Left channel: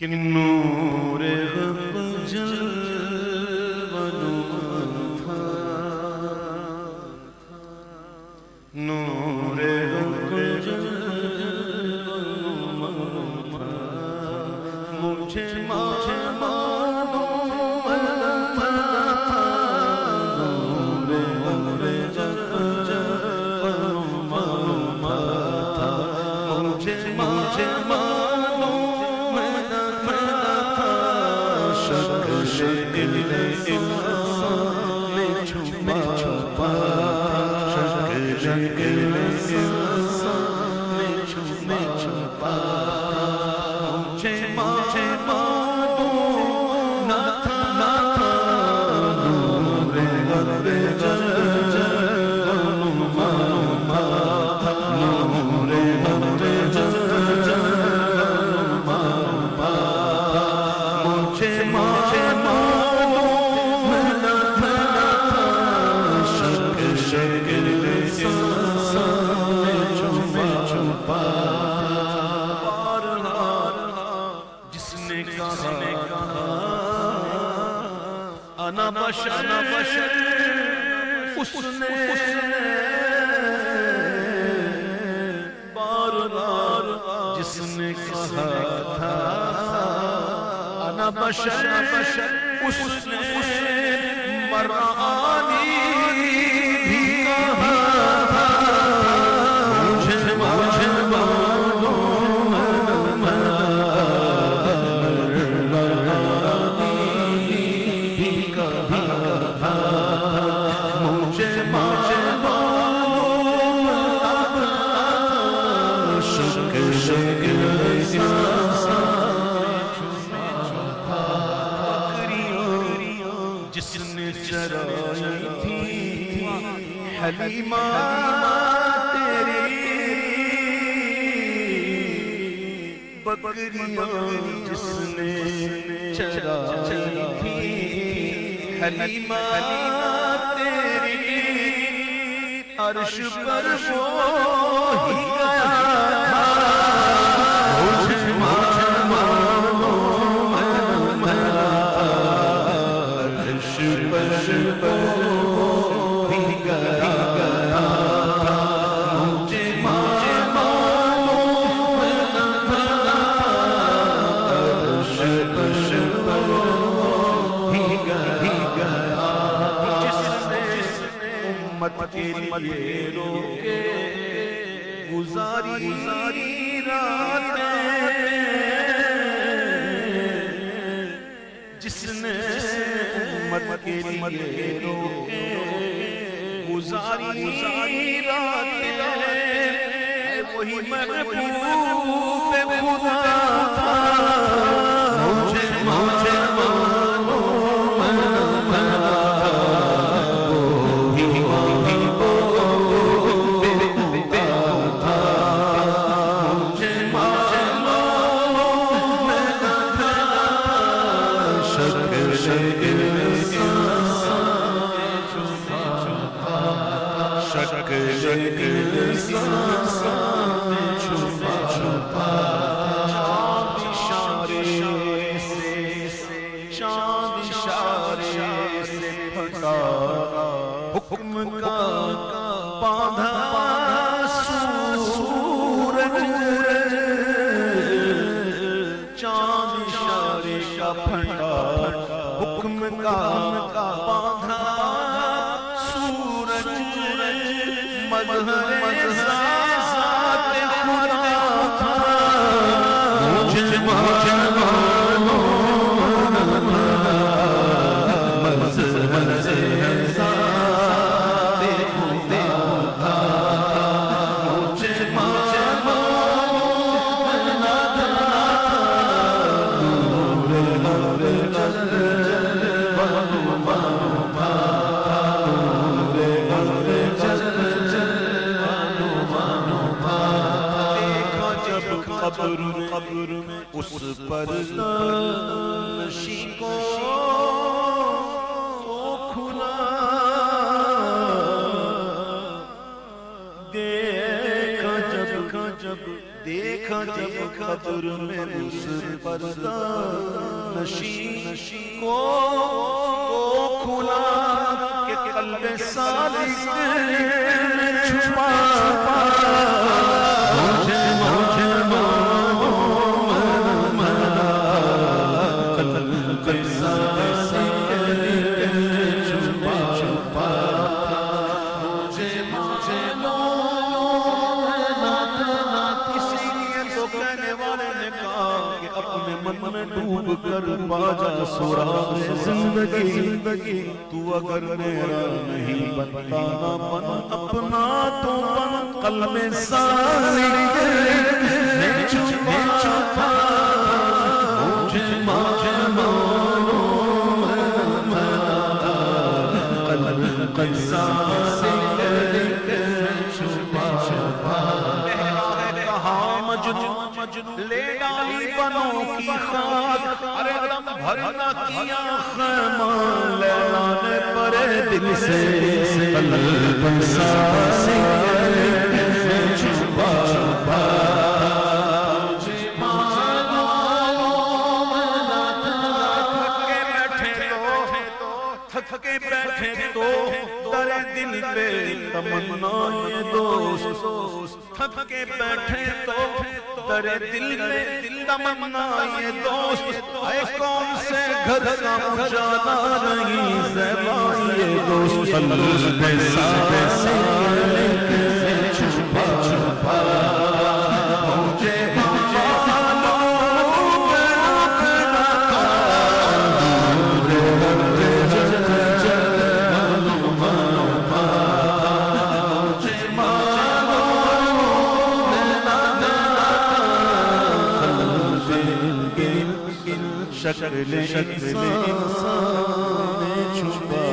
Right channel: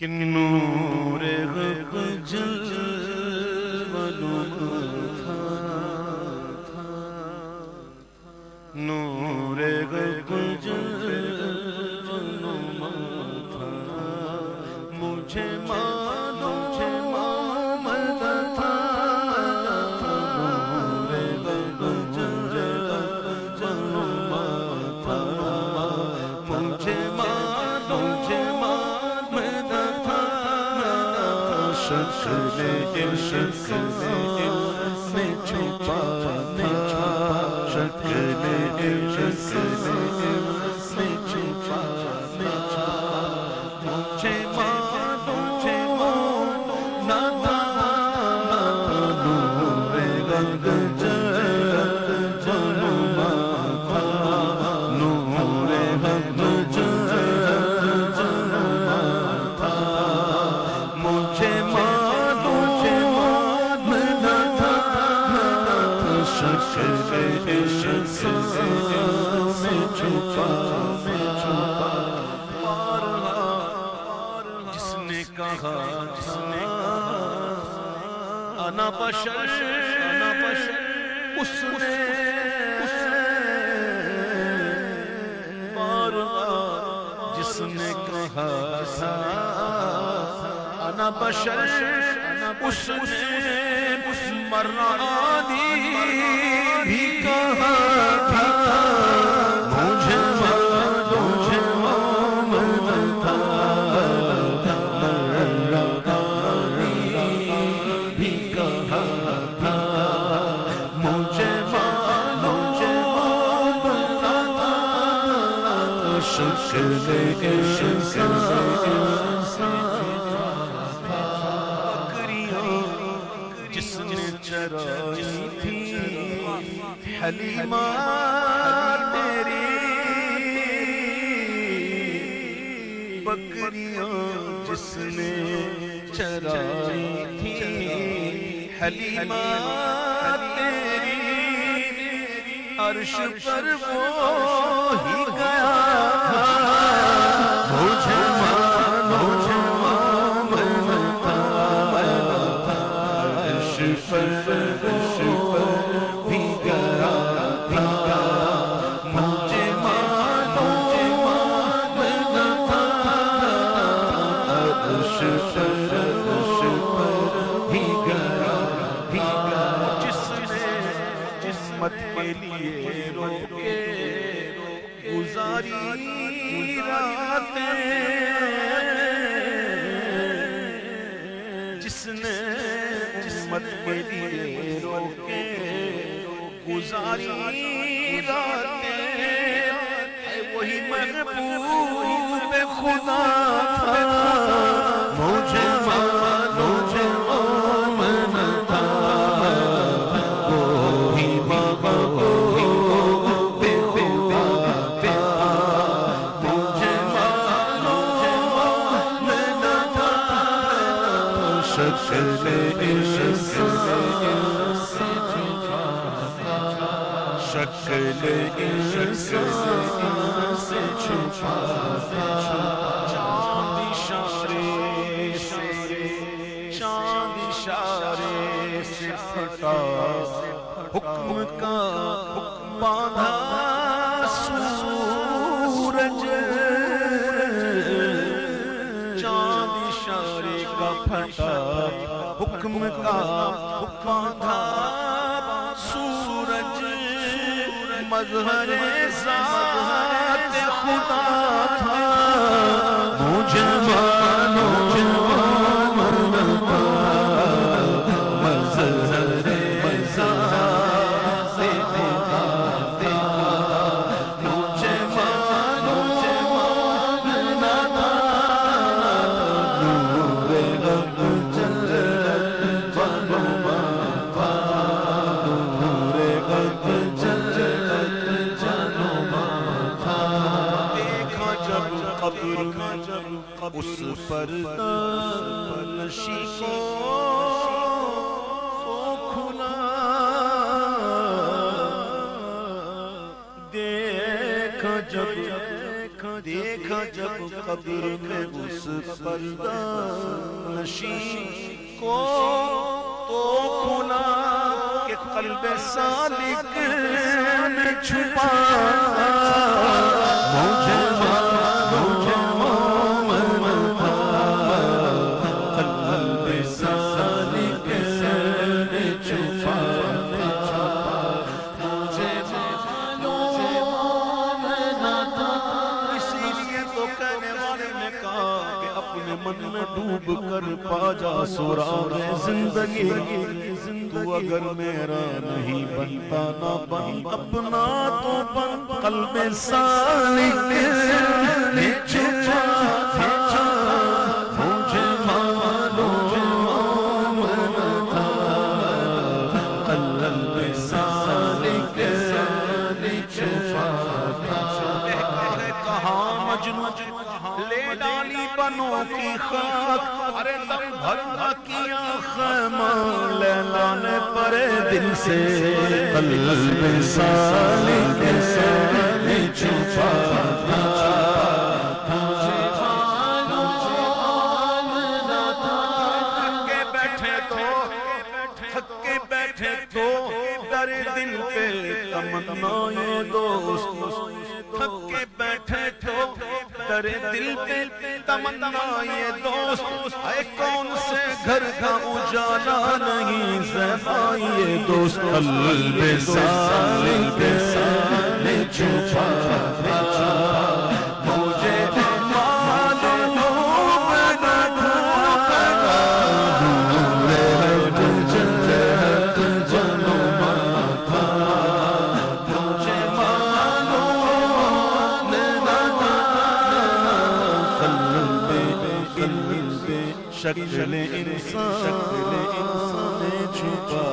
کہ نور غب جلوہ نما تھا، نور غب جلوہ نما تھا، مجھے معلوم نہ تھا، نور غب جلوہ نما تھا، مجھے شکل انسان میں چھپا تھا، شکل انسان میں چھپا تھا، مجھے معلوم نہ تھا، نور غب جلوہ نما تھا، نور غب جلوہ نما تھا، مجھے معلوم نہ تھا، شکل انسان میں چھپا تھا۔ بارہا جس نے کہا تھا انا بشر، اس نے بارہا جس نے کہا تھا انا بشر، اس نے مرانی بھی کہا تھا، مجھے معلوم نہ تھا، مرانی بھی کہا تھا، مجھے معلوم نہ تھا، شکل انسان جس نے چرائی تھی حلیمہ تیری، بکریاں جس نے چرائی تھی حلیمہ تیری، عرش پر وہ ہی گیا تھا، مجھے معلوم نہ تھا، عرش پر وہ بھی گیا تھا، مجھے معلوم نہ تھا، عرش پر وہ بھی گیا تھا، جس نے امت کے لیے روکے گزاری راتیں، جس نے امت کے لیے روکے گزاری راتیں، اے وہی محبوب خدا تھا، مجھے معلوم نہ تھا، وہی محبوب خدا تھا، مجھے معلوم نہ تھا، شکل انسان سے چھپا تھا، شکل انسان سے چھپا تھا، چاند اشارے سے، چاند اشارے سے پھٹا حکم کا باندھا سورج، چاند اشارے کا پھٹا حکم کا باندھا سورج، مظہر ذات خدا تھا، مجھے معلوم نہ تھا، مظہر ذات خدا تھا، مجھے معلوم نہ تھا، نور غب جلوہ نما تھا، نور غب جلوہ نما تھا، دیکھا جب قبر میں اس پردہ نشی کو تو کھلا، دیکھا جب دیکھا جب قبر میں اس پردہ نشین کو تو کھلا کہ قلب سالک میں چھپا تھا مجھے معلوم نہ تھا قلب سالک میں چھپا تھا مجھے معلوم نہ تھا اسی لیے تو کہنے والے نے کہا کہ اپنے من میں ڈوب کر پا جا سراغ زندگی تو اگر میرا نہیں بنتا نہ بن اپنا تو بن قلب سالک میں چھپا تھا مجھے معلوم نہ تھا قلب سالک میں چھپا تھا کہاں مجنوں لے ڈالی بنوں کی خاک ارے دم بھرنا کیا خیمہ لیلا نے پرے دل سے قلب سالک میں چھپا تھا مجھے معلوم نہ تھا تھک کے بیٹھے تو درے دل پہ تمنا یہ دوست تھک کے بیٹھے تو درے دل پہ تمنا یہ دوست اے کون سے گھر کا اجالا نہیں زیبا یہ دوست قلب سالک میں چھپا تھا مجھے معلوم نہ تھا نور حق جلوہ تھا مجھے معلوم نہ تھا قلب شکل انسان میں چھپا